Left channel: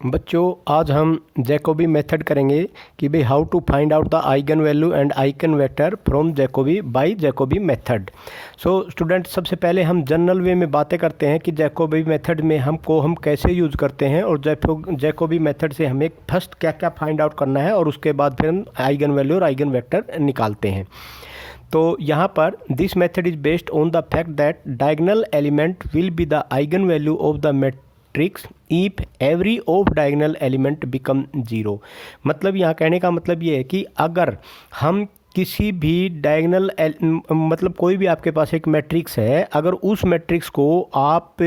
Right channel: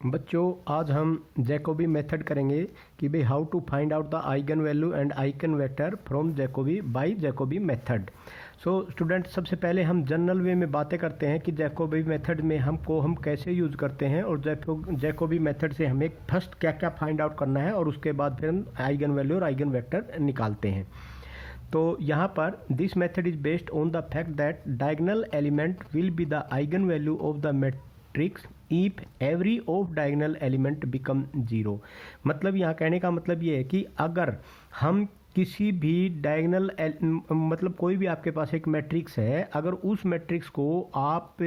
बच्चों, आज हम जैकोबी मेथड करेंगे कि भाई how to find out the eigen value and eigen vector from Jacobi by Jacobi method. So student, सबसे पहले हम जनरल वे में बातें करते हैं कि जैकोबी मेथड में हम कैसे यूज़ करते हैं और जैकोबी मेथड से हमें फर्स्ट क्या क्या फाइंड आउट करना है और उसके बाद फिर हम आइगन वैल्यू और आइगन वेक्टर निकालते हैं। तो यहाँ पर this method is based on the fact that diagonal element will be the eigen value of the matrix if every of diagonal element become zero. मतलब यहाँ कहने का मतलब ये है कि अगर हम किसी भी डायगोनल मतलब कोई भी आपके पास एक मैट्रिक्स है, अगर उस मैट्रिक्स को आप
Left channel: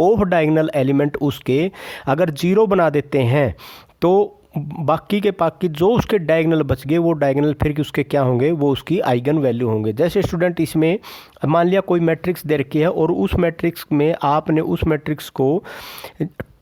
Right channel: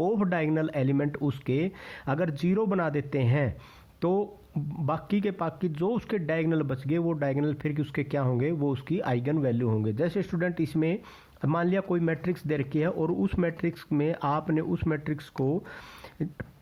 ऑफ डायगोनल एलिमेंट उसके अगर जीरो बना देते हैं तो बाकी के बाकी जो उसके डायगोनल बच गए वो डायगोनल फिर उसके क्या होंगे, वो उसकी आइगन वैल्यू होंगे। जैसे स्टूडेंट, इसमें मान लिया कोई मैट्रिक्स दे रखी है और उस मैट्रिक्स में आपने उस मैट्रिक्स को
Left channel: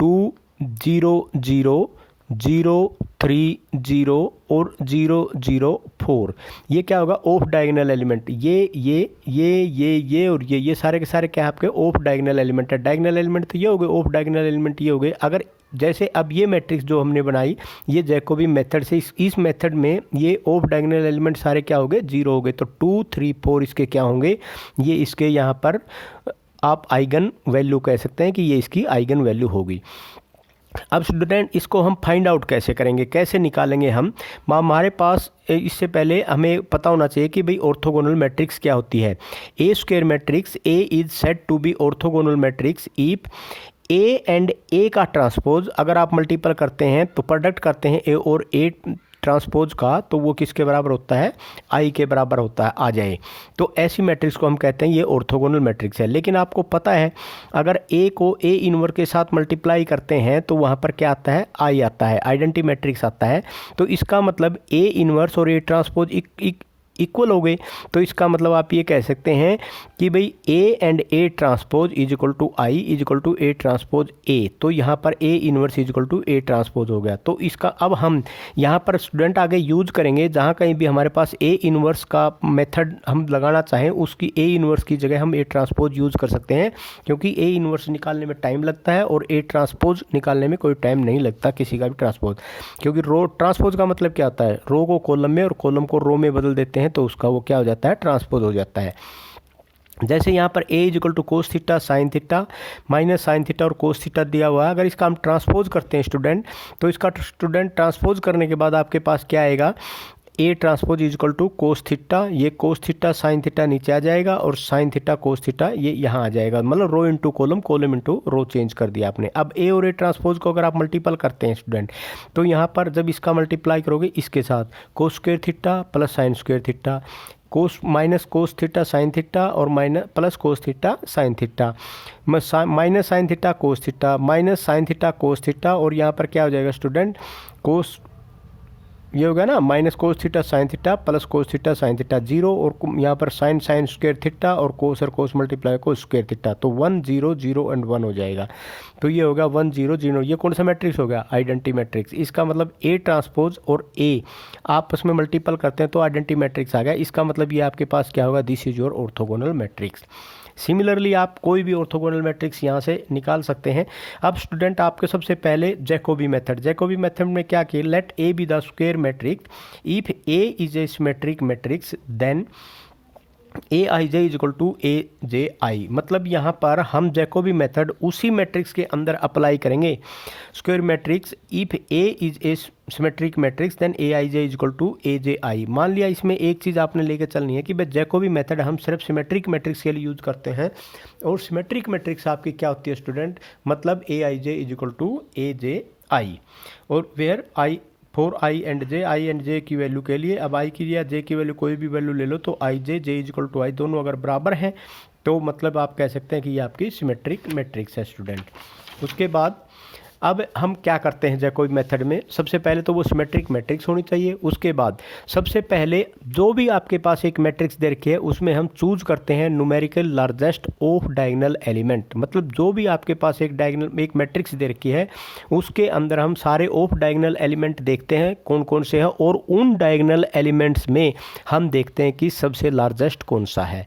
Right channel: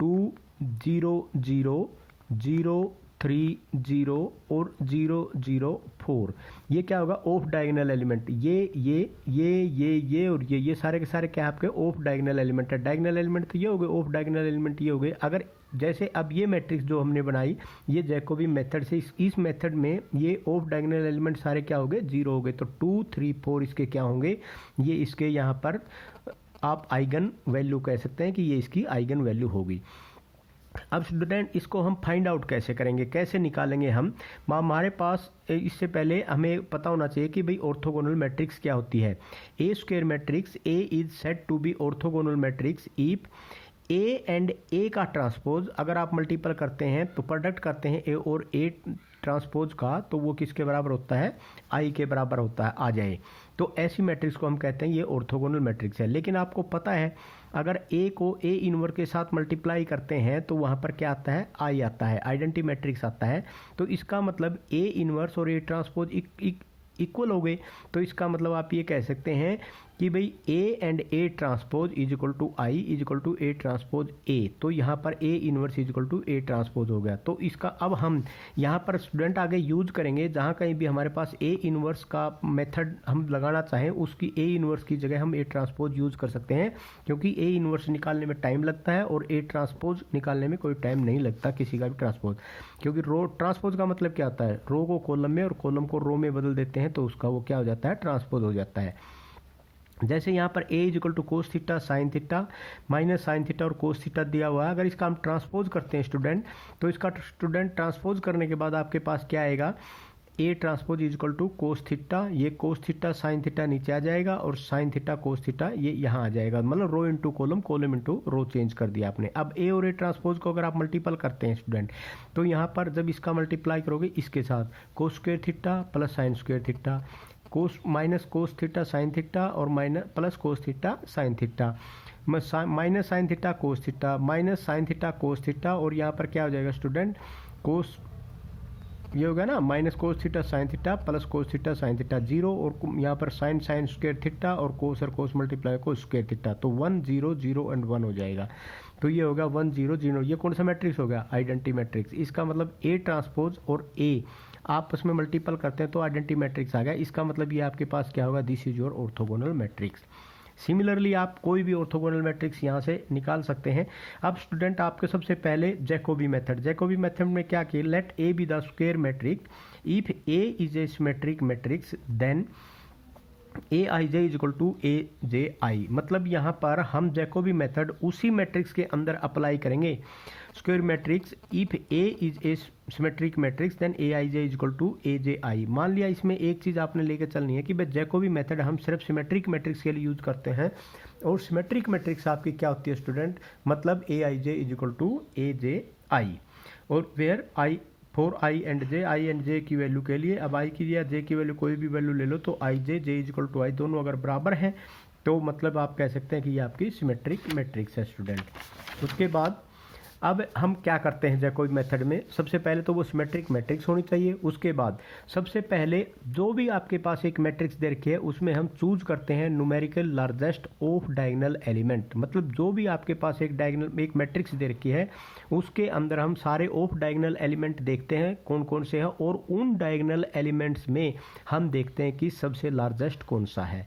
2 0 0 0 3 0 और 0 0 4, ये क्या होगा, ऑफ डायगोनल एलिमेंट। ये और ये सारे के सारे क्या आपके ऑफ डायगोनल एलिमेंट है। डायगोनल एलिमेंट तो ये हो गए, ऑफ डायगोनल एलिमेंट ये हो गए। अगर जैसे अब ये मैट्रिक्स जो हमने बनाई ये जैकोबी मेथड से, इस मेथड में ये ऑफ डायगोनल एलिमेंट सारे क्या हो गए, जीरो हो गए। तो 2 3 4 इसके क्या होंगे, ये इसके यहाँ पर आप आइगन वैल्यू कह सकते हैं कि ये इसकी आइगन वैल्यू होगी। अब स्टूडेंट, इसको हम फाइंड आउट कैसे करेंगे, कैसे निकालेंगे हम। हमारे पास इससे पहले हमें पता होना चाहिए कि भाई ऑर्थोगोनल मैट्रिक्स क्या होती है। A square matrix, A is said to be orthogonal matrix if A and A का ट्रांसपोज, अगर आप मल्टीपल करते हैं तो प्रोडक्ट करते हैं ए और ए ट्रांसपोज का, तो वो किसके बराबर होता है, आई के बराबर होता है, आ जाए। तो ऐसी मैट्रिक्स को हम कहते हैं ये ऑर्थोगोनल मैट्रिक्स है। लेकिन आपको पता है अगर ए को ए इनवर्स के साथ मल्टीप्लाई करते हैं तो वहाँ पर क्या आता है, आई आता है, आइडेंटिटी मैट्रिक्स आता है। तो इसका मतलब ए इनवर्स और ए ट्रांसपोज इक्वल हो गए। तो इसका मतलब आप ये कह सकते हैं कि भाई A and A transpose is equal to I is equal to A transpose A. तो यहाँ पर A inverse is equal to A transpose हो गया। तो इसका अब हम यहाँ पर स्टूडेंट आगे यूज करेंगे, जहाँ कहीं भी हमारे पास ए इनवर्स का मेथड हम लगाना चाहें उसकी ए इनवर्स की जगह हम ए ट्रांसपोज यूज़ कर सकते हैं, क्योंकि ए इनवर्स निकालने में टाइम लगता है और ए ट्रांसपोज निकालने में कोई टाइम नहीं लगता किसी का भी ट्रांसपोज। क्योंकि रो ट्रांसपोज का मतलब क्या होता है, रो को कॉलम में और कॉलम को रो में बदल देते हैं तो उसका वो क्या हो जाता है, ट्रांसपोज हो जाता है। जैसे यहाँ पर A is equal to cos theta sine theta minus sine theta और कोस थीटा दिया हुआ है। अगर इसका हम ट्रांसपोज करते हैं स्टूडेंट, तो इसका स्टूडेंट ट्रांसपोज करने के बाद आपके पास क्या आएगा, A transpose is equal to cos theta, ये कोस थीटा साइन थीटा नीचे आ जाएगा और साइन थीटा कोस थीटा ये यहाँ आ जाएगा। मतलब row into column, column into row change कर दिया आपने। अब ए और ए ट्रांसपोज को अगर आप मल्टीपल करते हैं स्टूडेंट, तो यहाँ पर जब इसका मल्टीप्लाई करोगे इसके साथ cos square theta plus sine square theta, cos minus cos theta sine theta और minus plus cos theta sine theta, minus sine theta cos theta minus sine theta cos theta, और यहाँ पर क्या हो जाएगा स्टूडेंट, कोस ये हो गया ना, minus cos theta sine theta plus cos theta sine theta zero, और यहाँ पर साइन साइन स्क्वायर थीटा और कोस मल्टीप्लाई कोस स्क्वायर थीटा, तो 1 0 0 एंड 1 हो जाएगा। तो ये होगा 1 0 0। ये कौन सा मैट्रिक्स हो गया, आइडेंटिटी मैट्रिक्स। इसका मतलब ए ट्रांसपोज और ए आपस में मल्टीपल करते हैं तो आइडेंटिटी मैट्रिक्स आ गया। इसका मतलब ये आपके पास क्या होगा, this is your orthogonal matrix. Similarly आप कोई भी ऑर्थोगोनल मैट्रिक्स यहाँ से निकाल सकते हैं। अब स्टूडेंट, आपके सबसे पहले जैकोबी मेथड में क्या किया, let A be the square matrix if A is a symmetric matrix then A I J is equal to A J I. मतलब यहाँ पर हम जैकोबी मेथड उसी मैट्रिक्स के अंदर अप्लाई करेंगे। Square matrix if A is a symmetric matrix then A I J is equal to A J I. मान लिया इसमें एक चीज़ आपने लेकर चलनी है कि भाई जैकोबी मेथड हम सिर्फ सिमेट्रिक मैट्रिक्स के लिए यूज़ करते हैं, और सिमेट्रिक मैट्रिक्स आपकी क्या होती है स्टूडेंट, मतलब A I J is equal to A J I, और where I for I and J की वैल्यू के लिए। अब आई की या जे की वैल्यू कोई भी वैल्यू ले लो तो आई जे इज इक्वल टू आई दोनों अगर बराबर हैं तो मतलब आप कह सकते हैं कि ये आपकी सिमेट्रिक मैट्रिक्स है स्टूडेंट। उसके बाद अब हम क्या करते हैं जैकोबी मेथड में, सबसे पहले तो वो सिमेट्रिक मैट्रिक्स होनी चाहिए। उसके बाद सबसे पहले जो भी आपके पास एक मैट्रिक्स दे रखी है उसमें हम चूज करते हैं numerical largest of diagonal element. मतलब जो भी आपके पास एक मैट्रिक्स दे रखी है उसके अंदर हम सारे ऑफ डायगोनल एलिमेंट देखते हैं कौन कौन से हैं, और उन डायगोनल एलिमेंट्स में हम देखते हैं कि सबसे लार्जेस्ट कौन सा है।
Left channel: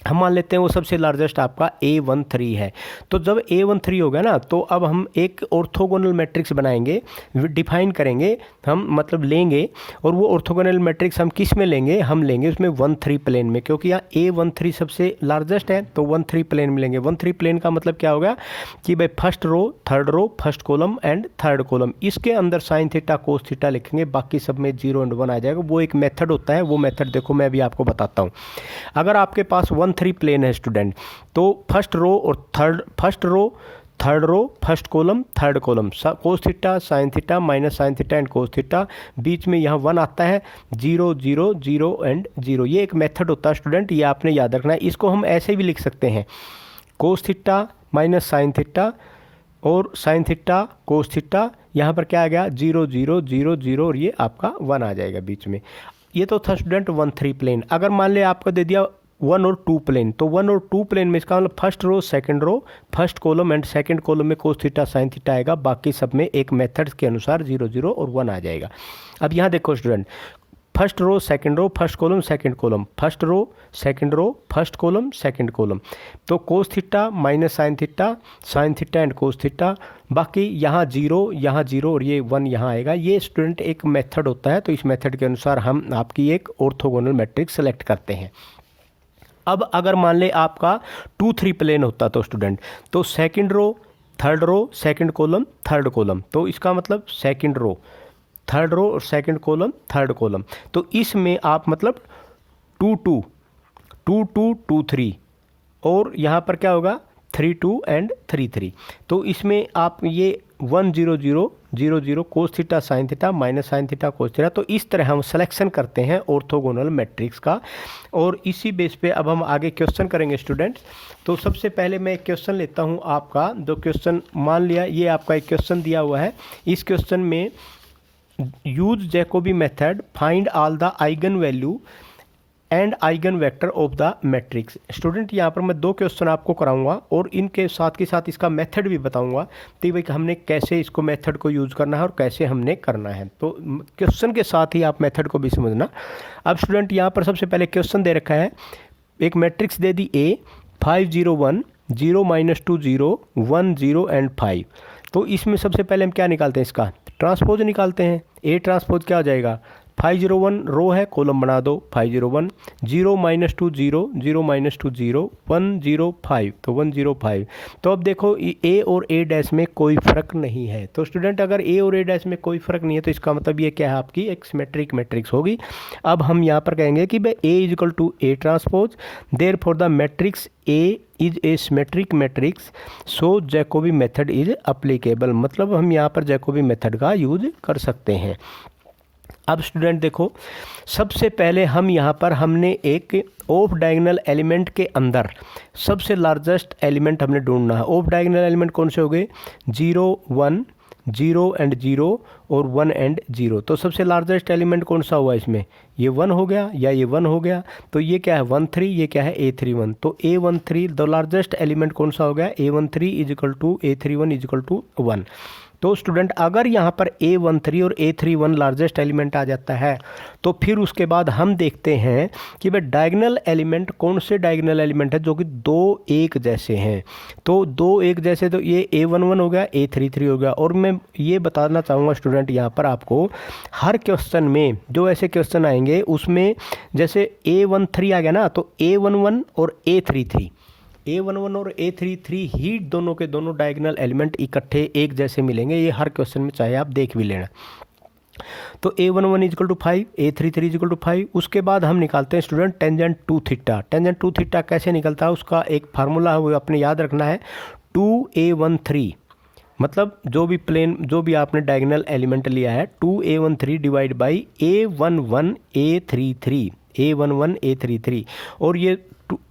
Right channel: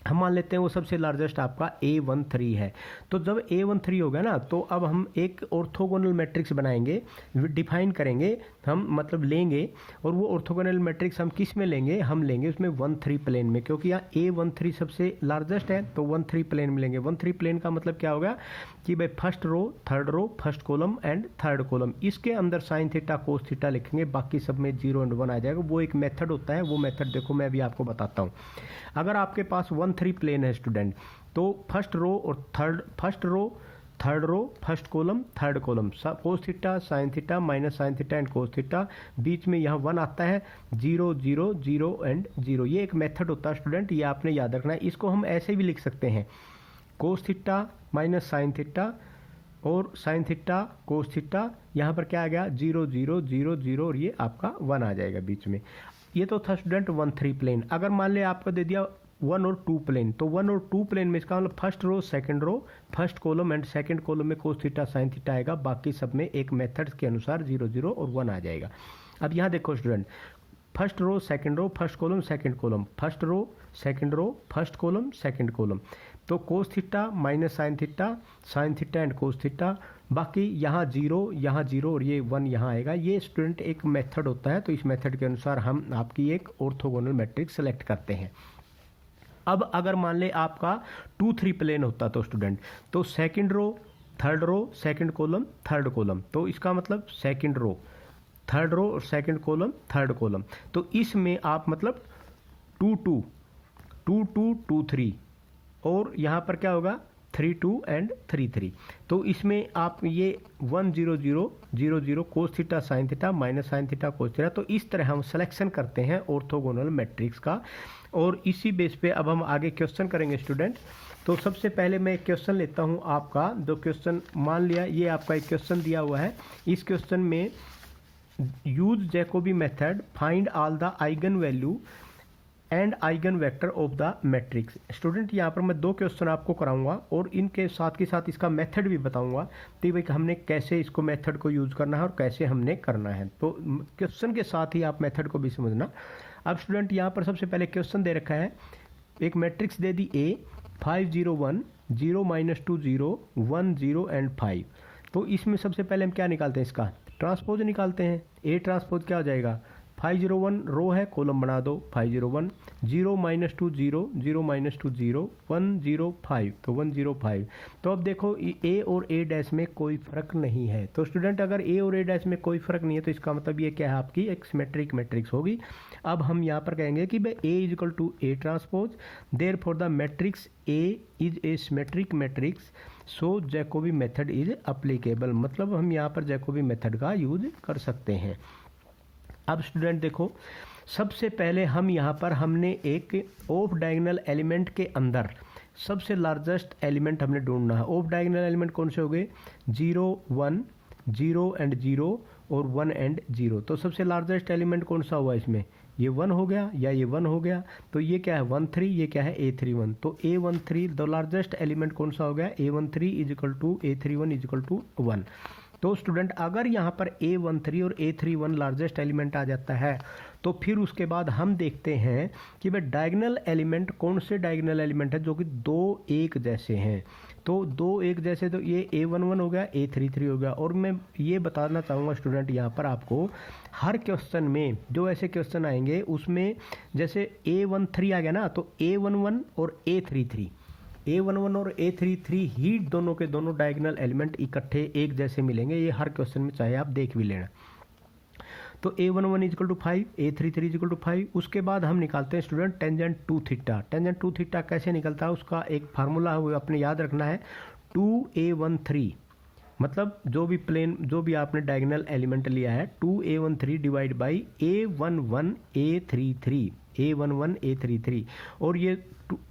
हम मान लेते हैं वो सबसे लार्जेस्ट आपका A13 है। तो जब A13 हो गया ना, तो अब हम एक ऑर्थोगोनल मैट्रिक्स बनाएंगे, डिफाइन करेंगे हम, मतलब लेंगे। और वो ऑर्थोगोनल मैट्रिक्स हम किस में लेंगे, हम लेंगे उसमें 1-3 प्लेन में, क्योंकि यहाँ A13 सबसे लार्जेस्ट है, तो 1-3 प्लेन में लेंगे। 1-3 प्लेन का मतलब क्या होगा कि भाई first row, third row, first column and third column, इसके अंदर साइन थीटा कोस थीटा लिखेंगे, बाकी सब में 0 एंड 1 आ जाएगा। वो एक मेथड होता है, वो मेथड देखो मैं अभी आपको बताता हूँ। अगर आपके पास 1-3 प्लेन है स्टूडेंट, तो फर्स्ट रो और first row, third row, first column, third column, cos theta, sine theta, minus sine theta and cos theta, बीच में यहाँ 1 आता है, 0 0 0 एंड 0। ये एक मेथड होता है स्टूडेंट, ये आपने याद रखना है। इसको हम ऐसे भी लिख सकते हैं, कोस थीटा माइनस साइन थीटा और साइन थीटा कोस थीटा, यहाँ पर क्या आ गया 0 0 0 0 और ये आपका 1 आ जाएगा बीच में। ये तो था स्टूडेंट 1-3 प्लेन। अगर मान लिया आपको दे दिया 1 और 2 प्लेन, तो 1 और 2 प्लेन में इसका मतलब first row, second row, first column and second column में कोस थीटा साइन थीटा आएगा, बाकी सब में एक मेथड के अनुसार 0 0 और 1 आ जाएगा। अब यहाँ देखो student, first row, second row, first column, second column, first row, second row, first column, second column, तो cos theta minus sine theta and cos theta, बाकी यहाँ 0 और ये 1 यहाँ आएगा। ये स्टूडेंट एक मेथड होता है, तो इस मेथड के अनुसार हम आपकी एक ऑर्थोगोनल मैट्रिक्स सेलेक्ट करते हैं। अब अगर मान ले आपका 2-3 प्लेन होता तो स्टूडेंट, तो second row, third row, second column, third column, तो इसका मतलब सेकंड रो, थर्ड रो और सेकंड कॉलम, थर्ड कॉलम, तो इसमें आप मतलब 2-2 2-2 2-3 और यहाँ पर क्या होगा 3-2 एंड 3-3। तो इसमें आप ये 1 0 0 0 0 cos theta sine theta minus sine theta cos theta, तो इस तरह हम सिलेक्शन करते हैं ऑर्थोगोनल मैट्रिक्स का। और इसी बेस पे अब हम आगे क्वेश्चन करेंगे स्टूडेंट। तो सबसे पहले मैं एक क्वेश्चन लेता हूँ आपका, जो क्वेश्चन मान लिया ये आपका एक क्वेश्चन दिया हुआ है। इस क्वेश्चन में use Jacobi method, find all the eigen value and eigen vector of the matrix. Student यहाँ पर मैं 2 क्वेश्चन आपको कराऊंगा और इनके साथ के साथ इसका मेथड भी बताऊंगा, तो भाई हमने कैसे इसको मेथड को यूज़ करना है और कैसे हमने करना है। तो क्वेश्चन के साथ ही आप मेथड को भी समझना। अब स्टूडेंट यहाँ पर सबसे पहले क्वेश्चन दे रखा है, एक matrix they the A 5 0 1 0 -2 0 1 0 and 5। तो इसमें सबसे पहले हम क्या निकालते हैं, इसका ट्रांसपोज निकालते हैं। A ट्रांसपोज क्या हो जाएगा, 5 0 1 रो है, कॉलम बना दो 5 0 1 0 -2 0 0 -2 0 1 0 5, तो 1 0 5। तो अब देखो A और A डैश में कोई फ़र्क नहीं है। तो स्टूडेंट अगर A और A डैश में कोई फ़र्क नहीं है, तो इसका मतलब ये क्या है, आपकी एक सिमेट्रिक मैट्रिक्स होगी। अब हम यहाँ पर कहेंगे कि भाई A = A transpose, therefore the matrix A is a symmetric matrix, so Jacobi method is applicable. मतलब हम यहाँ पर जैकोबी मेथड का यूज कर सकते हैं। अब स्टूडेंट देखो, सबसे पहले हम यहाँ पर हमने एक ऑफ डायगोनल एलिमेंट के अंदर सबसे लार्जेस्ट एलिमेंट हमने ढूंढना है। ऑफ डायगोनल एलिमेंट कौन से हो गए, 0 1 0 एंड 0 और 1 एंड 0। तो सबसे लार्जेस्ट एलिमेंट कौन सा हुआ इसमें, ये 1 हो गया या ये 1 हो गया। तो ये क्या है 1 3, ये क्या है A31। तो A13 द लार्जेस्ट एलिमेंट कौन सा हो गया, A13 = A31 = 1। तो स्टूडेंट अगर यहाँ पर A13 और A31 लार्जेस्ट एलिमेंट आ जाता है, तो फिर उसके बाद हम देखते हैं कि भाई डायगोनल एलिमेंट कौन से डायगोनल एलिमेंट है जो कि 2 1 जैसे हैं। तो 2 1 जैसे, तो ये A11 हो गया, A33 हो गया। और मैं ये बताना चाहूँगा स्टूडेंट यहाँ पर आपको, हर क्वेश्चन में जो ऐसे क्वेश्चन आएंगे उसमें जैसे A13 आ गया ना, तो A11 और A11 और A33 ही दोनों के दोनों डायगोनल एलिमेंट इकट्ठे एक जैसे मिलेंगे। ये हर क्वेश्चन में चाहे आप देख भी लेना। तो A11 = 5, A33 = 5। उसके बाद हम निकालते हैं student tangent two theta. Tangent two theta कैसे निकलता है, उसका एक फार्मूला है, वो अपने याद रखना है। 2A13 मतलब जो भी प्लेन, जो भी आपने डायगोनल एलिमेंट लिया है, 2A13 divide by A11 A33 और ये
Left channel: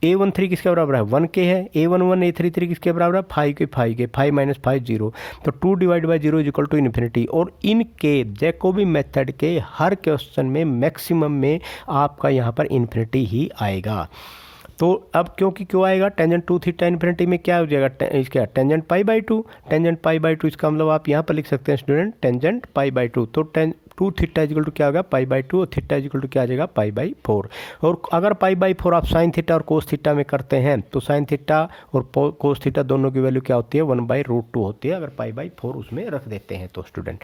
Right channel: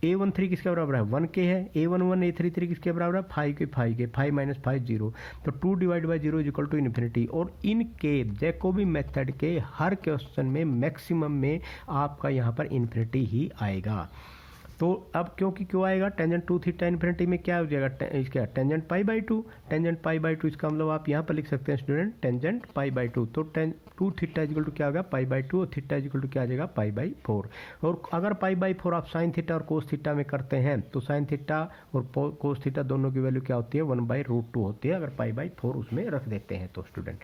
A13 किसके बराबर है, 1 के है। A11 A33 किसके बराबर है, 5 के 5 - 5 0। तो 2 डिवाइड बाई 0 = इन्फिनिटी। और इनके जैकोबी मेथड के हर क्वेश्चन में मैक्सिमम में आपका यहाँ पर इन्फिनिटी ही आएगा। तो अब क्यों आएगा, टेंजेंट 2 थीटा इन्फिनिटी में क्या हो जाएगा, इसका tangent pi by 2, tangent pi by 2, इसका मतलब आप यहाँ पर लिख सकते हैं स्टूडेंट टेंजेंट पाई बाई 2। तो 2 थीटा इजिकल टू क्या होगा, पाई बाई 2, और थीटा इजिकल टू क्या आ जाएगा, पाई बाई 4। और अगर पाई बाई 4 आप साइन थीटा और कोस थीटा में करते हैं तो साइन थीटा और कोस थीटा दोनों की वैल्यू क्या होती है, 1/√2 होती है, अगर पाई बाई 4 उसमें रख देते हैं तो स्टूडेंट।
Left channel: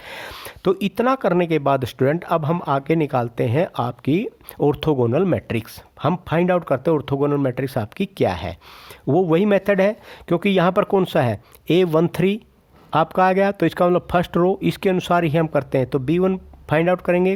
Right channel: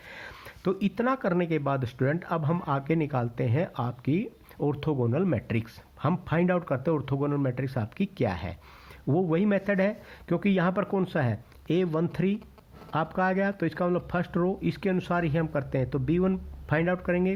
तो इतना करने के बाद स्टूडेंट अब हम आगे निकालते हैं आपकी ऑर्थोगोनल मैट्रिक्स। हम फाइंड आउट करते हैं ऑर्थोगोनल मैट्रिक्स आपकी क्या है। वो वही मेथड है, क्योंकि यहाँ पर कौन सा है, A13 आपका आ गया, तो इसका मतलब फर्स्ट रो इसके अनुसार ही हम करते हैं। तो B1 फाइंड आउट करेंगे,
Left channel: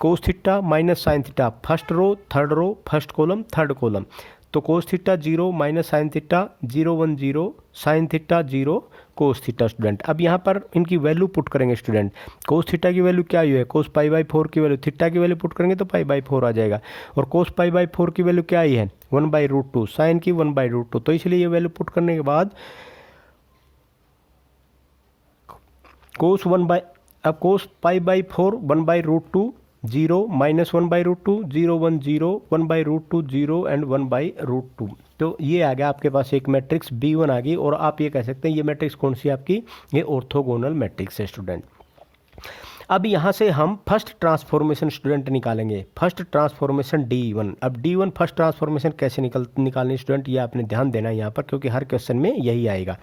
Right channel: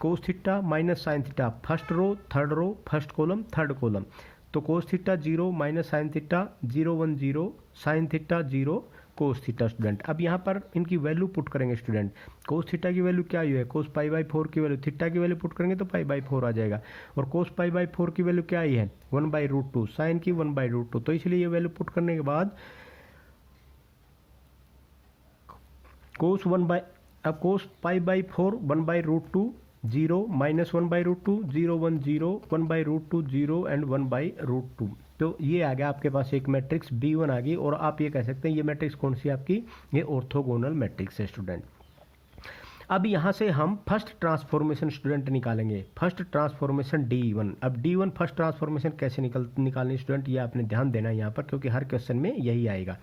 cos theta minus sine theta, first row third row first column third column. तो cos theta 0 minus sine theta 0 1 0, sine theta 0 cos theta student. अब यहाँ पर इनकी वैल्यू पुट करेंगे स्टूडेंट। कोस थीटा की value क्या है, कोस पाई बाई 4 की वैल्यू, थीटा की वैल्यू पुट करेंगे तो पाई बाई 4 आ जाएगा। और कोस पाई बाई 4 की वैल्यू क्या आई है, 1/√2, साइन की 1/√2। तो इसलिए ये वैल्यू पुट करने के बाद अब कोस पाई बाई 4 1/√2, 0 माइनस 1/√2, 0 1 0, 1/√2 0 एंड 1/√2। तो ये आ गया आपके पास एक मैट्रिक्स B1 आ गई। और आप ये कह सकते हैं ये मैट्रिक्स कौन सी आपकी, ये ऑर्थोगोनल मैट्रिक्स है स्टूडेंट। अब यहाँ से हम फर्स्ट ट्रांसफॉर्मेशन स्टूडेंट निकालेंगे, फर्स्ट ट्रांसफॉर्मेशन D1। अब D1 फर्स्ट ट्रांसफॉर्मेशन कैसे निकालनी स्टूडेंट, ये आपने ध्यान देना है यहाँ पर, क्योंकि हर क्वेश्चन में यही आएगा।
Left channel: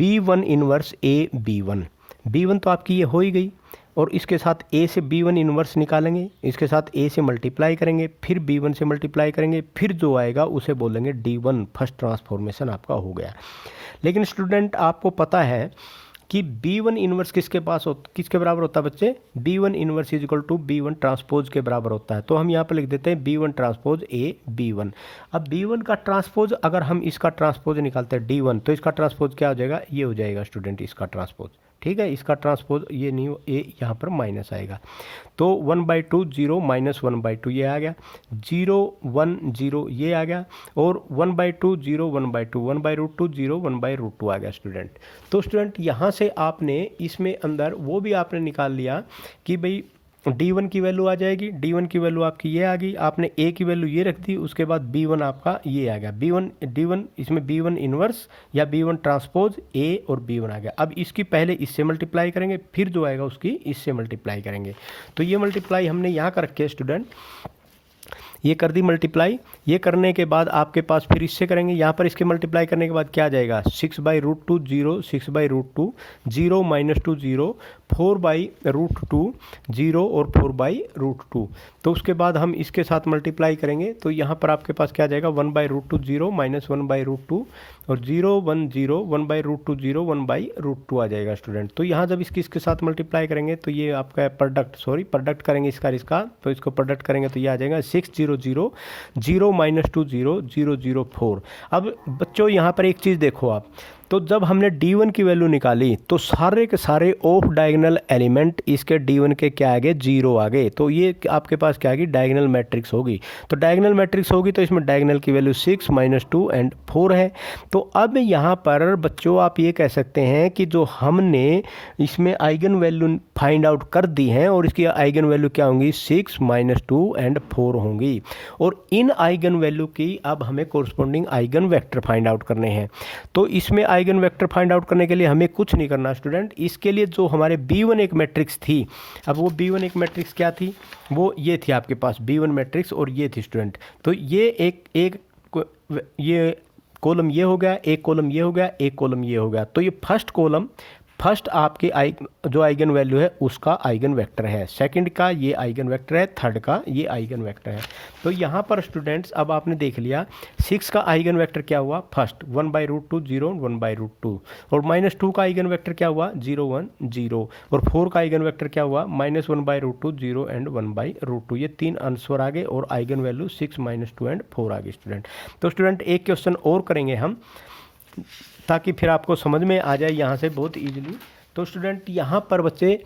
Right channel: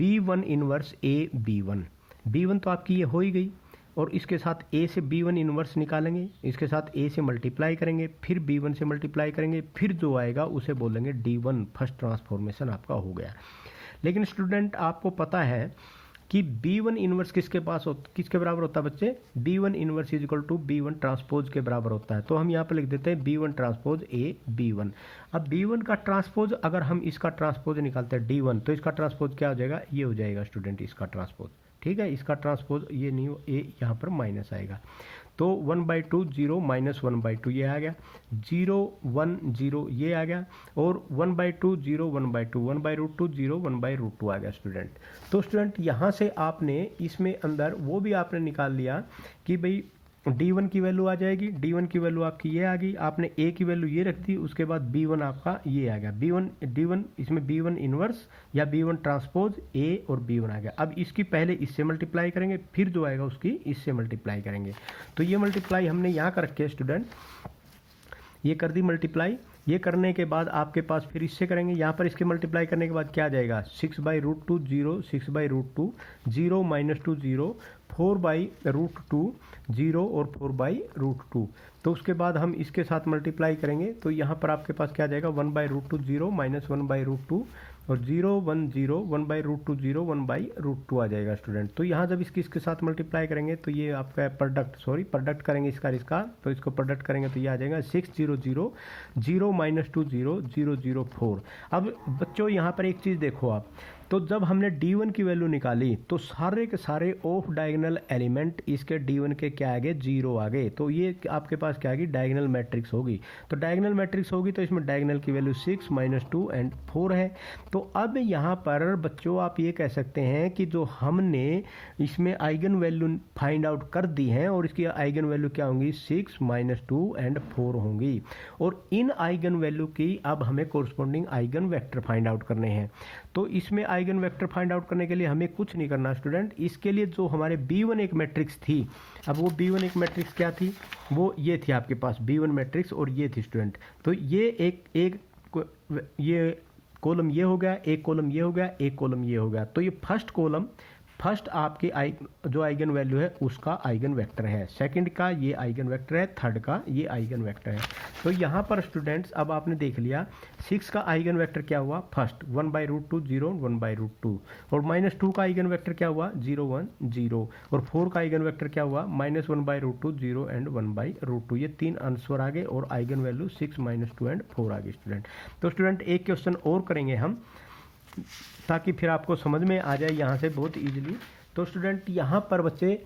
B1 inverse A B1, B1 तो आपकी ये हो ही गई, और इसके साथ A से B1 इनवर्स निकालेंगे, इसके साथ A से मल्टीप्लाई करेंगे, फिर B1 से मल्टीप्लाई करेंगे, फिर जो आएगा उसे बोलेंगे D1, फर्स्ट ट्रांसफॉर्मेशन आपका हो गया। लेकिन स्टूडेंट आपको पता है कि B1 इनवर्स किसके बराबर होता है बच्चे, B1 inverse is equal to B1 transpose के बराबर होता है। तो हम यहाँ पर लिख देते हैं B1 ट्रांसपोज A B1। अब B1 का ट्रांसपोज, अगर हम इसका ट्रांसपोज निकालते हैं D1, तो इसका ट्रांसपोज क्या हो जाएगा, ये हो जाएगा स्टूडेंट इसका ट्रांसपोज, ठीक है। इसका ट्रांसपोज ये नहीं, ये यहाँ पर माइनस आएगा, तो 1/2 0 माइनस 1/2 ये आ गया, 0 1 0 ये आ गया, और 1/2 0 1/2, 1/√2 0 1/√2 आ गया स्टूडेंट। तो स्टूडेंट यहाँ से आपने इसमें अंदर वो भी आपने निकाल लिया कि भाई D1 की वैल्यू आ जाएगी, D1 की वैल्यू आपकी ये आ गई, आपने A की वैल्यू ये रख दी, उसके बाद B1 आपका ये आ गया, D1 इसमें B1 इनवर्स या B1 ट्रांसपोज A और B1 आ गया। अब इसकी पहले इससे मल्टीप्लाई करेंगे, फिर जो आएगा उसकी इससे मल्टीप्लाई करेंगे। तो ये मल्टीप्लाई हमने यहाँ कर रखी है स्टूडेंट, ये कर दी मल्टीप्लाई। ये करने के बाद आपके पास फिर इससे करेंगे, यहाँ पर इसके मल्टीप्लाई करने के बाद क्या आ जाएगा, 6/√2 0, 6/√2 0 माइनस 2 0, 4/√2 0 और 4/√2। तो उसके बाद हम इसके साथ मल्टीप्लाई करेंगे, तो यहाँ पर आपके पास क्या आ जाएगा, 1/√2 0 माइनस 1/√2 और 0 1 0, 1/√2 0 1/√2 आ जाएगा स्टूडेंट। तो यहाँ जब इसके साथ मल्टीप्लाई करेंगे तो ये आपका प्रोडक्ट करेंगे इसका, तो इसको प्रोडक्ट करेंगे तो ये आ जाएगा 6 0 0 0 माइनस 2 0 0 0 4। अब बच्चों यहाँ पर एक चीज़ देखो आप, तो जब हमने D1 की वैल्यू निकाली तो सारे के सारे ऑफ डायगोनल एलिमेंट इसके D1 के क्या आ गए, 0 आ गए। तो ये आपके पास क्या आएगी, डायगोनल मैट्रिक्स होगी। तो डायगोनल मैट्रिक्स होगी तो इसमें डायगोनल की वैल्यू 6 माइनस 2 एंड 4 है। तो अब यहाँ पर बच्चों आप ये कह सकते हैं कि जो हमने इसमें आइगन वैल्यू फाइंड आउट कर दी हैं, और इसकी आइगन वैल्यू क्या होंगी, 6 माइनस 2 एंड 4 होंगी। और इन आइगन वैल्यू की अब हमें corresponding eigen vector find out करने हैं। तो इसमें आइगन वेक्टर फाइंड आउट करने के लिए हमें कुछ नहीं करना स्टूडेंट, इसके लिए जो हमारे B1 एक मैट्रिक्स थी, अब वो B1 एक मैट्रिक्स क्या थी, वो ये थी आपके पास B1 मैट्रिक्स, और ये थी स्टूडेंट। तो ये ये कॉलम ये हो गया, एक कॉलम ये हो गया, एक कॉलम ये हो गया। तो ये फर्स्ट आपकी जो आइगन वैल्यू है उसका आइगन वेक्टर है, सेकंड का ये आइगन वेक्टर है, थर्ड का ये आइगन वेक्टर है। तो यहाँ पर स्टूडेंट्स अब आपने देख लिया 6 का आइगन वेक्टर क्या हुआ, फर्स्ट 1/√2 0 1/√2, और -2 का आइगन वेक्टर क्या हुआ, 0 1 0, और 4 का आइगन वेक्टर क्या हुआ, -1/√2 0 एंड 1/√2। ये 3 आंसर आ गए और आइगन वैल्यू 6 -2 एंड 4 आ गई स्टूडेंट। तो स्टूडेंट एक क्वेश्चन और करेंगे हम, ताकि फिर आपको समझ में आ जाए यहाँ से बहुत इजीली। तो स्टूडेंट यहाँ पर बच्चे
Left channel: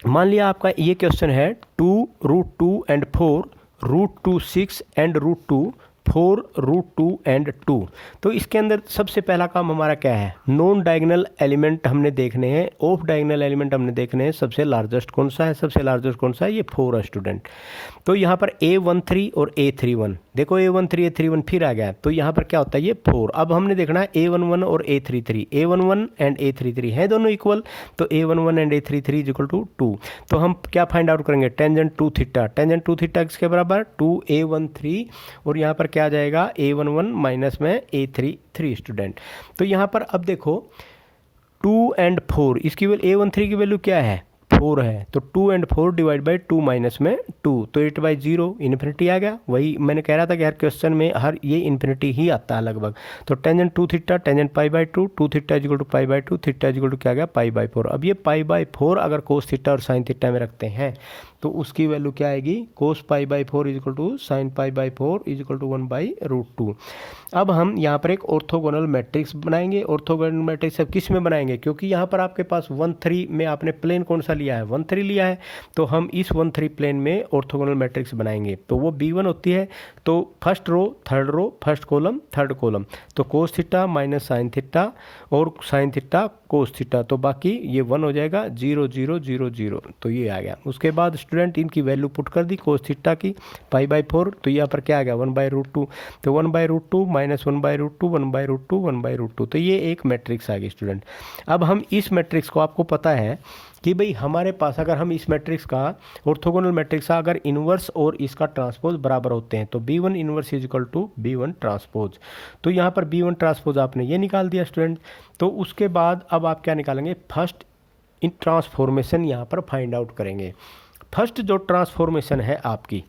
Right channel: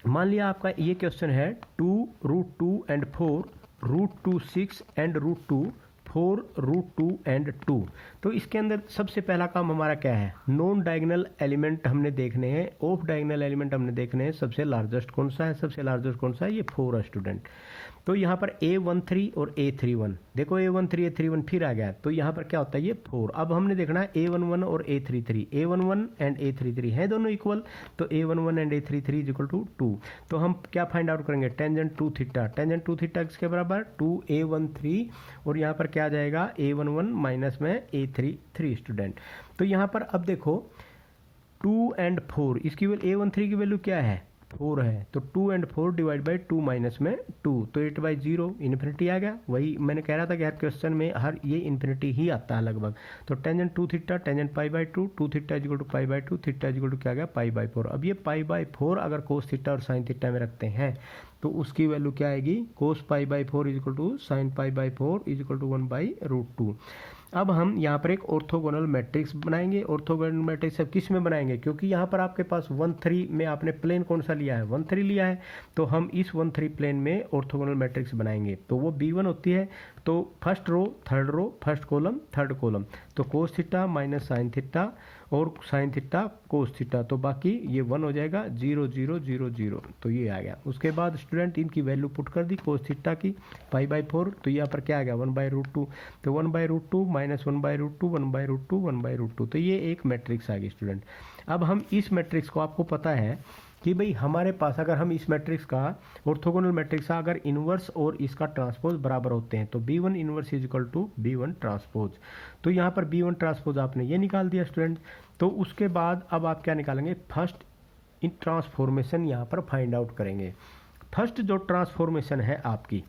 मान लिया आपका ये क्वेश्चन है 2√2 एंड 4 √2 6 एंड √2 4√2 एंड 2। तो इसके अंदर सबसे पहला काम हमारा क्या है, नॉन डायगोनल एलिमेंट हमने देखने हैं, ऑफ डायगोनल एलिमेंट हमने देखने हैं। सबसे लार्जेस्ट कौन सा है, सबसे लार्जेस्ट कौन सा है, ये 4 है स्टूडेंट। तो यहाँ पर A13 और A31, देखो A13 A31 फिर आ गया, तो यहाँ पर क्या होता है, ये 4। अब हमने देखना है A11 और A33, A11 एंड A33 है दोनों इक्वल, तो A11 and A33 is equal to 2। तो हम क्या फाइंड आउट करेंगे, टेंजेंट 2 थीटा, टेंजेंट 2 थीटा किसके बराबर, 2A13, और यहाँ पर क्या आ जाएगा, A11 माइनस में A33 स्टूडेंट। तो यहाँ पर अब देखो 2 एंड 4, इसकी A13 की वैल्यू क्या है, 4 है, तो 2 एंड 4 डिवाइड बाई 2 माइनस में 2, तो 8/0 इन्फिनिटी आ गया। वही मैंने कह रहा था कि हर क्वेश्चन में हर ये इन्फिनिटी ही आता है लगभग। तो tangent 2 theta, tangent π/2, 2 theta is equal to π/2, theta is equal to क्या गया, π/4। अब ये π/4 अगर कोस थीटा और साइन थीटा में रखते हैं तो उसकी वैल्यू क्या आएगी, cos π/4 is equal to sine π/4 is equal to 1/√2। अब हम यहाँ पर एक ऑर्थोगोनल मैट्रिक्स बनाएंगे। ऑर्थोगोनल मैट्रिक्स अब किस में बनाएंगे, क्योंकि यहाँ पर आपके पास 1-3 में आपने प्लेन कौन सा लिया है, 1-3 लिया है, तो हम इस 1-3 प्लेन में ऑर्थोगोनल मैट्रिक्स बनाएंगे। तो वो B1 होती है, तो first row third row, first column third column, तो cos theta minus sine theta और साइन थीटा कोस थीटा, तो बाकी ये 1 हो जाएगा, 0 0 0 0, तो ये आ गया। उसके बाद स्टूडेंट इनकी वैल्यू पुट कर दी, कोस थीटा की π/4, तो यहाँ पर क्या आ गया, 1/√2, तो 1/√2 माइनस 1/√2, 1/√2, 1/√2, तो ये एक मैट्रिक्स आ गई स्टूडेंट। अब हम इस मैट्रिक्स को, आपको पता है कि भाई हमारे पास अगर हम इस मैट्रिक्स का, ऑर्थोगोनल मैट्रिक्स का अगर इन्वर्स और इसका ट्रांसपोज बराबर होते हैं तो B1 inverse is equal to B1 transpose. तो यहाँ पर B1 ट्रांसपोज आपने ये निकाल दिया स्टूडेंट। तो उसके बाद अब आप क्या निकालेंगे, फर्स्ट इन ट्रांसफॉर्मेशन यहाँ पर फाइंड आउट करेंगे। फर्स्ट जो ट्रांसफॉर्मेशन है आपकी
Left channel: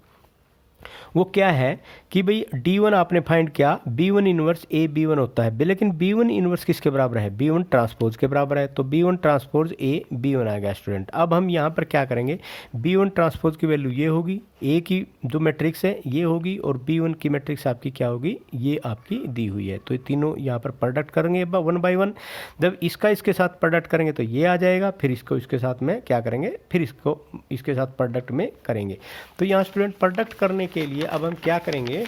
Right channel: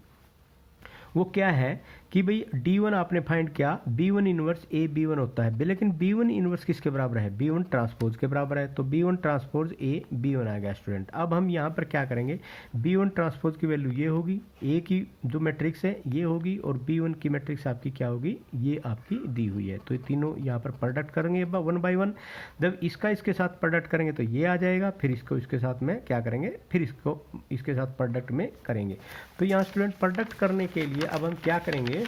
वो क्या है कि भाई D1 आपने फाइंड किया, B1 इन्वर्स A B1 होता है, लेकिन B1 इन्वर्स किसके बराबर है, B1 ट्रांसपोज के बराबर है, तो B1 ट्रांसपोज A B1 आ गया स्टूडेंट। अब हम यहाँ पर क्या करेंगे, B1 ट्रांसपोज की वैल्यू ये होगी, A की जो मैट्रिक्स है ये होगी, और B1 की मैट्रिक्स आपकी क्या होगी, ये आपकी दी हुई है। तो ये तीनों यहाँ पर प्रोडक्ट करेंगे 1 बाई 1। जब इसका इसके साथ प्रोडक्ट करेंगे तो ये आ जाएगा, फिर इसको इसके साथ में क्या करेंगे, फिर इसको इसके साथ प्रोडक्ट में करेंगे। तो यहाँ स्टूडेंट प्रोडक्ट करने के लिए अब हम क्या करेंगे,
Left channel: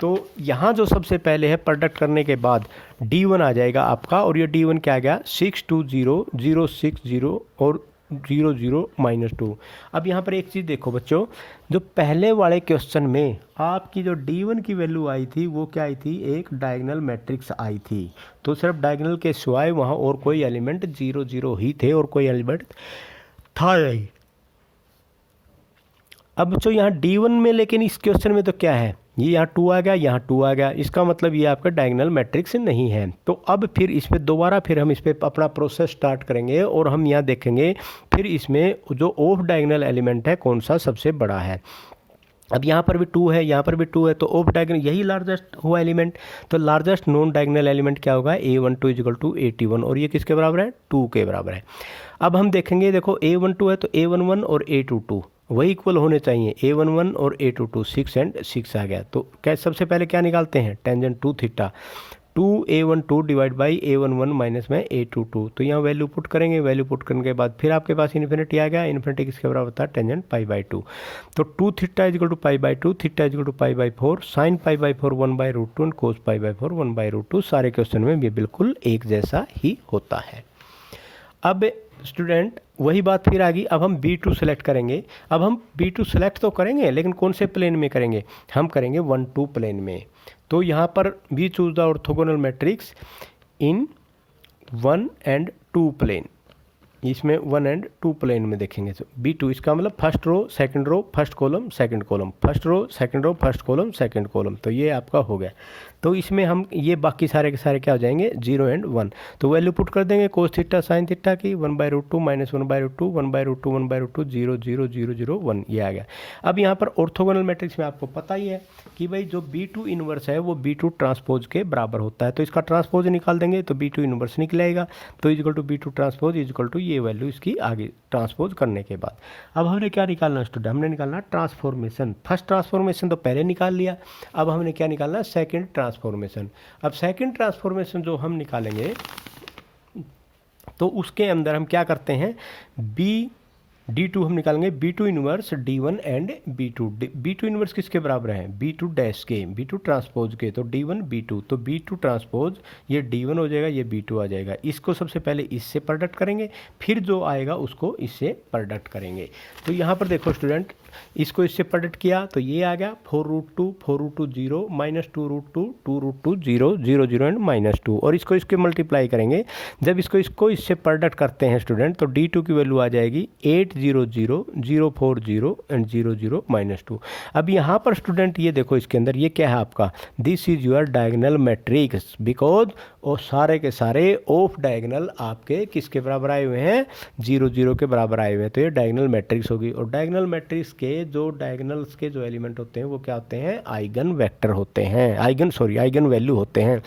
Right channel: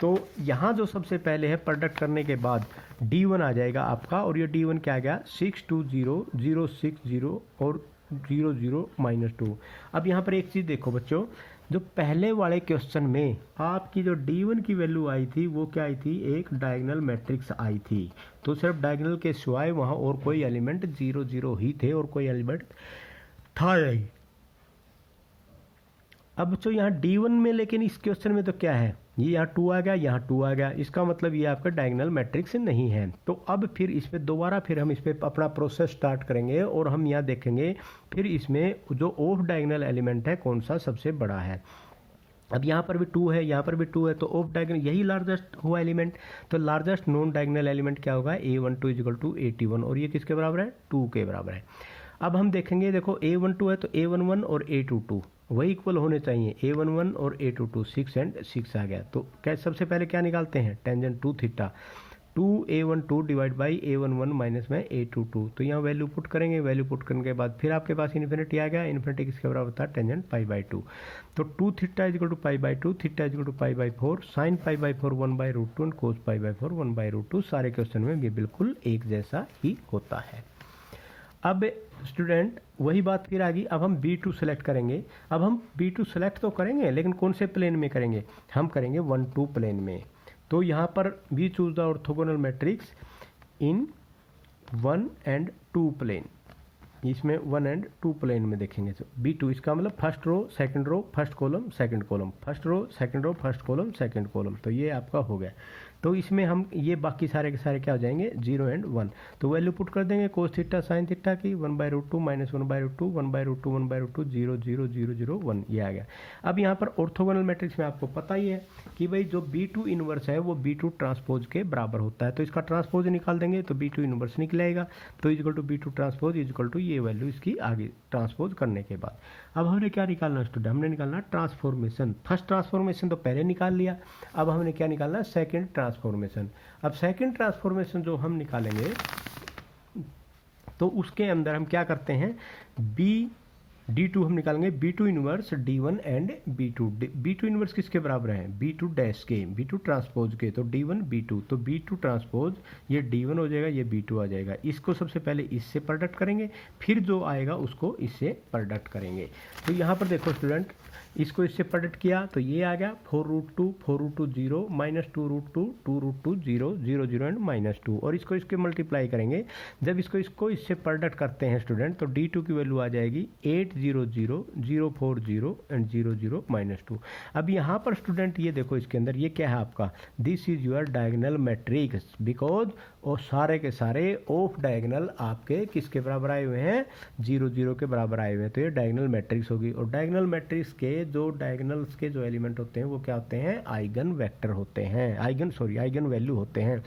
तो यहाँ जो सबसे पहले है प्रोडक्ट करने के बाद D1 आ जाएगा आपका, और ये D1 क्या आ गया, 620 और 00-2। अब यहाँ पर एक चीज़ देखो बच्चों, जो पहले वाले क्वेश्चन में आपकी जो D1 की वैल्यू आई थी वो क्या आई थी, एक डायगोनल मैट्रिक्स आई थी, तो सिर्फ डायगोनल के सिवाय वहाँ और कोई एलिमेंट 0 0 ही थे और कोई एलिमेंट था नहीं। अब जो यहाँ D1 में, लेकिन इस क्वेश्चन में तो क्या है, ये यहाँ 2 आ गया, यहाँ 2 आ गया, इसका मतलब ये आपका डायगोनल मैट्रिक्स नहीं है। तो अब फिर इस पर दोबारा फिर हम इस पर अपना प्रोसेस स्टार्ट करेंगे और हम यहाँ देखेंगे फिर इसमें जो ऑफ डायगोनल एलिमेंट है कौन सा सबसे बड़ा है। अब यहाँ पर भी 2 है, यहाँ पर भी 2 है, तो ऑफ डायगोनल यही लार्जेस्ट हुआ एलिमेंट, तो लार्जेस्ट नॉन डायगोनल एलिमेंट क्या होगा, A12 इज इक्वल टू 81, और ये किसके बराबर है, 2 के बराबर है। अब हम देखेंगे, देखो A12 है तो A11 और A22 वही इक्वल होने चाहिए, A11 और A22 6 एंड 6 आ गया। तो क्या सबसे पहले क्या निकालते हैं, tangent 2 theta, 2A12 divide by A11 minus में A22, तो यहाँ वैल्यू पुट करेंगे, वैल्यू पुट करने के बाद फिर आपके पास इन्फिनिटी आ गया, इन्फिनिटी किसके बराबर होता है, टेंजेंट π/2, तो 2 theta is equal to π/2, theta is equal to π/4, sine π/4 1/√2 and cos π/4 1/√2। सारे क्वेश्चन में ये बिल्कुल एक जैसा ही होता है। अब स्टूडेंट वही बात फिर आ गई, अब हम B2 सेलेक्ट करेंगे। अब हम B2 सेलेक्ट तो करेंगे, लेकिन कौन से प्लेन में करेंगे, हम करेंगे 1-2 प्लेन में। तो यहाँ पर we choose the orthogonal matrix in 1 and 2 plane, इसमें 1 and 2 प्लेन में देखेंगे। तो B2 इसका मतलब first row second row first column second column, first row second row first column second column, तो ये आपका हो गया। तो इसमें हम ये बाकी सारे के सारे क्या हो जाएंगे, 0 and 1, तो वैल्यू पुट कर देंगे कोस थीटा साइन थीटा की 1/√2 माइनस 1/√2 1/√2 1/√2 0 0 0 0 1, ये आ गया। अब यहाँ पर ऑर्थोगोनल मैट्रिक्स में आपको पता ही है कि भाई जो B2 इन्वर्स है वो B2 ट्रांसपोज के बराबर होता है, तो इसका ट्रांसपोज निकाल देंगे तो B2 इन्वर्स निकलेगा, तो is equal to B2 transpose is equal to ये वैल्यू इसकी आगे ट्रांसपोज करने के बाद। अब हमने क्या निकालना स्टूडेंट, हमने निकालना ट्रांसफॉर्मेशन। फर्स्ट ट्रांसफॉर्मेशन तो पहले निकाल लिया, अब हमने क्या निकालना, सेकंड ट्रांसफॉर्मेशन। अब सेकंड ट्रांसफॉर्मेशन जो हम निकालेंगे तो उसके अंदर हम क्या करते हैं, D2 हम निकालेंगे B2 inverse D1 and B2। B2 inverse किसके बराबर है? B2 डैश के, B2 ट्रांसपोज के, तो D1 B2, तो B2 ट्रांसपोज ये D1 हो जाएगा, ये B2 आ जाएगा। इसको सबसे पहले इससे प्रोडक्ट करेंगे, फिर जो आएगा उसको इससे प्रोडक्ट करेंगे। तो यहाँ पर देखो स्टूडेंट, इसको इससे प्रोडक्ट किया तो ये आ गया 4√2, 4√2 0, -2√2, 2√2 0, 0 0 एंड -2, और इसको इसके मल्टीप्लाई करेंगे। जब इसको इससे प्रोडक्ट करते हैं स्टूडेंट, तो D2 की वैल्यू आ जाएगी 800, 040 एंड 0 0 -2। अब यहाँ पर स्टूडेंट ये देखो, इसके अंदर ये क्या है आपका, this is your diagonal matrix, because और सारे के सारे ऑफ डायगोनल आपके किसके बराबर आए हुए हैं? 0 0 के बराबर आए हुए हैं। तो ये डायगोनल मैट्रिक्स होगी, और डायगोनल मैट्रिक्स के जो डायगोनल्स के जो एलिमेंट होते हैं वो क्या होते हैं? आइगन वेक्टर होते हैं, आइगन वैल्यू होते हैं।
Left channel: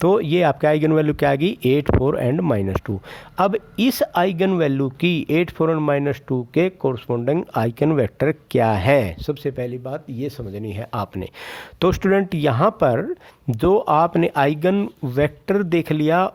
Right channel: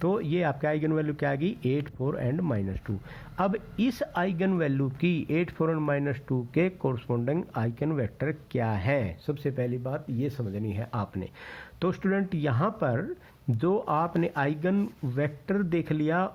तो ये आपके आइगन वैल्यू क्या आ गई? 8 4 एंड -2। अब इस आइगन वैल्यू की 8 4 एंड -2 के कोरस्पोंडिंग आइगन वेक्टर क्या है? सबसे पहली बात ये समझनी है आपने। तो स्टूडेंट यहाँ पर जो आपने आइगन वेक्टर देख लिया,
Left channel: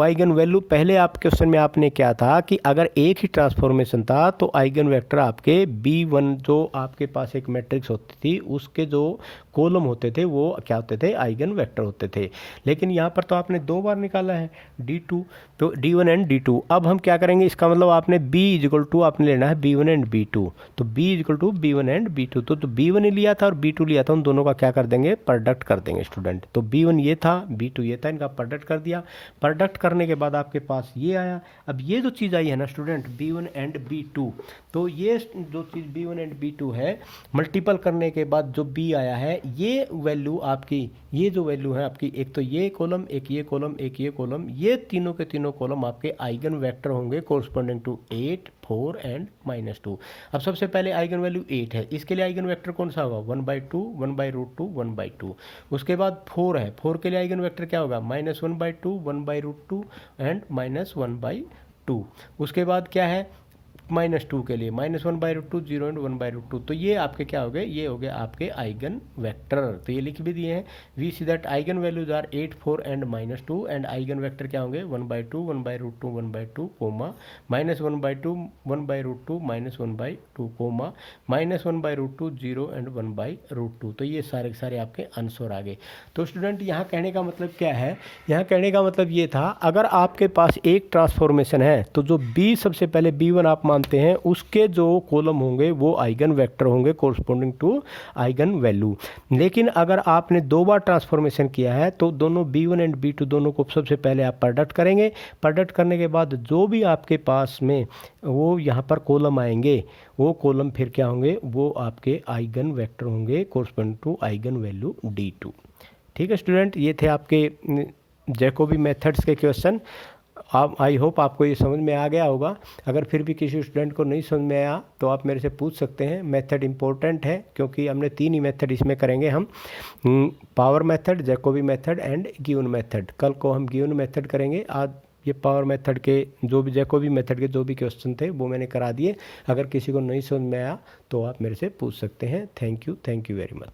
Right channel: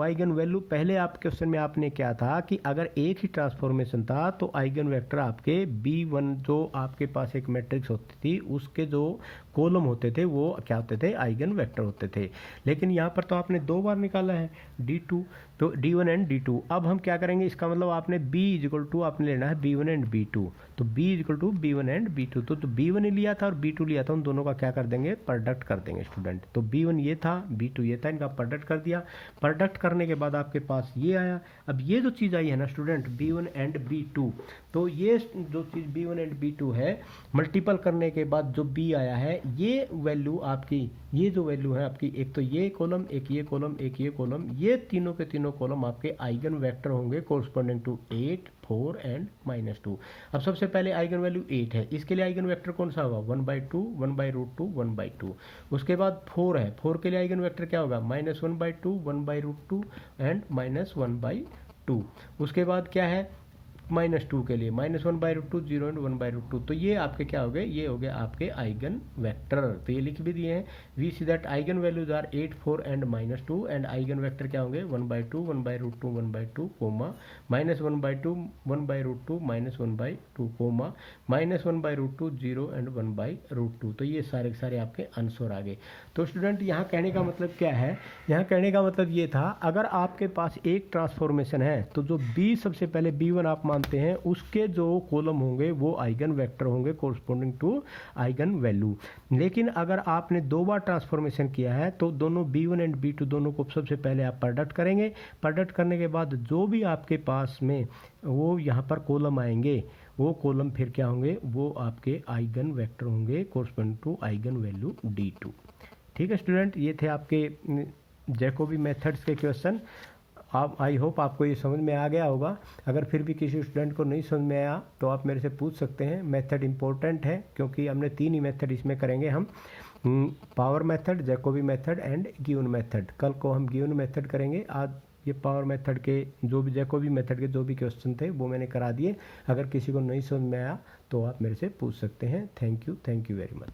आइगन वैल्यू, पहले आप क्वेश्चन में आपने क्या था कि अगर एक ही ट्रांसफॉर्मेशन था तो आइगन वेक्टर आपके B1 जो आपके पास एक मैट्रिक्स होती थी उसके जो कॉलम होते थे वो क्या होते थे? आइगन वेक्टर होते थे। लेकिन यहाँ पर तो आपने 2 बार निकाला है D2, तो D1 एंड D2। अब हम क्या करेंगे, इसका मतलब आपने B = आपने लेना है B1 एंड B2, तो B = B1 एंड B2। तो B1 लिया था और B2 लिया था, उन दोनों का क्या कर देंगे? प्रोडक्ट कर देंगे स्टूडेंट। तो B1 ये था, B2 ये था, इनका प्रोडक्ट कर दिया। प्रोडक्ट करने के बाद आपके पास ये आया। अब ये जो चीज़ आई है ना स्टूडेंट, B1 एंड B2, तो ये जो चीज़ B1 एंड B2 है, मल्टीपल करने के बाद जो B आया है, ये वैल्यू आपकी, ये जो वैल्यू है आपकी, एक तो ये कॉलम, एक ये कॉलम, एक ये कॉलम, ये तीनों के तीनों कॉलम आपके आइगन वेक्टर होंगे कोरस्पोंडिंग टू 8 4 एंड -2। अब सबसे पहले आइगन वैल्यू 8 है, इसके लिए आइगन वेक्टर कौन सा होगा? 1/2, 1/√2, 1/2। उसके बाद 4 है, 4 के लिए आइगन वेक्टर क्या होगा? -1/2, 1/√2 एंड -1/2। उसके बाद क्या है? -2 के लिए -1/√2, 0 एंड 1/√2। तो ये आपके क्या हो गए? ये हो गए आपके आइगन वेक्टर। तो ये लिख भी दिए हैं, we see that eigen values are 8 4 and -2, and eigen vector क्या होंगे? 1/2, 1/√2, 1/2, कोमा -1/2, 1/√2, -1/2, कोमा -1/√2, 0 एंड 1/√2। तो ये सारे के सारे आपके आंसर आ गए। तो स्टूडेंट यहाँ कहने का मतलब क्या है? यहाँ कहने का मतलब ये था, अगर आपके पास एक ट्रांसफॉर्मेशन है तो जो B सबसे पहले B1 आप मानते हैं उसके जो कॉलम होंगे वो आइगन वेक्टर होंगे कोरस्पोंडिंग टू आइगन वैल्यू। लेकिन अगर आपने 2 बार ट्रांसफॉर्मेशन किया है तो दोनों B1 एंड B2 दोनों को सबसे पहले आप प्रोडक्ट करेंगे। प्रोडक्ट करने के बाद जो भी आपके पास में वो यहाँ पर कॉलम आएंगे, वो कॉलम फिर क्या होंगे? वो आपके आइगन वेक्टर होंगे corresponding to eigen value D2। ठीक है स्टूडेंट, ये थे आपके जैकोबी मेथड्स के क्वेश्चन। आप, आई होप आपको ये समझ में आ गया होगा। अगर फिर भी किसी स्टूडेंट को नहीं समझ में आया तो आप मेरे से पूछ सकते हैं। मेथड इंपॉर्टेंट है क्योंकि हमने 3 ही मेथड इसमें करेंगे हम, power method, Jacobi method and given method. कल को हम गिवन मेथड करेंगे। आज ये पावर मेथड के जो भी, जैकोबी मेथड के जो भी क्वेश्चन थे वो मैंने करा दिए। अगर किसी को नहीं समझ में आया तो आप मेरे से पूछ सकते हैं। Thank you very much.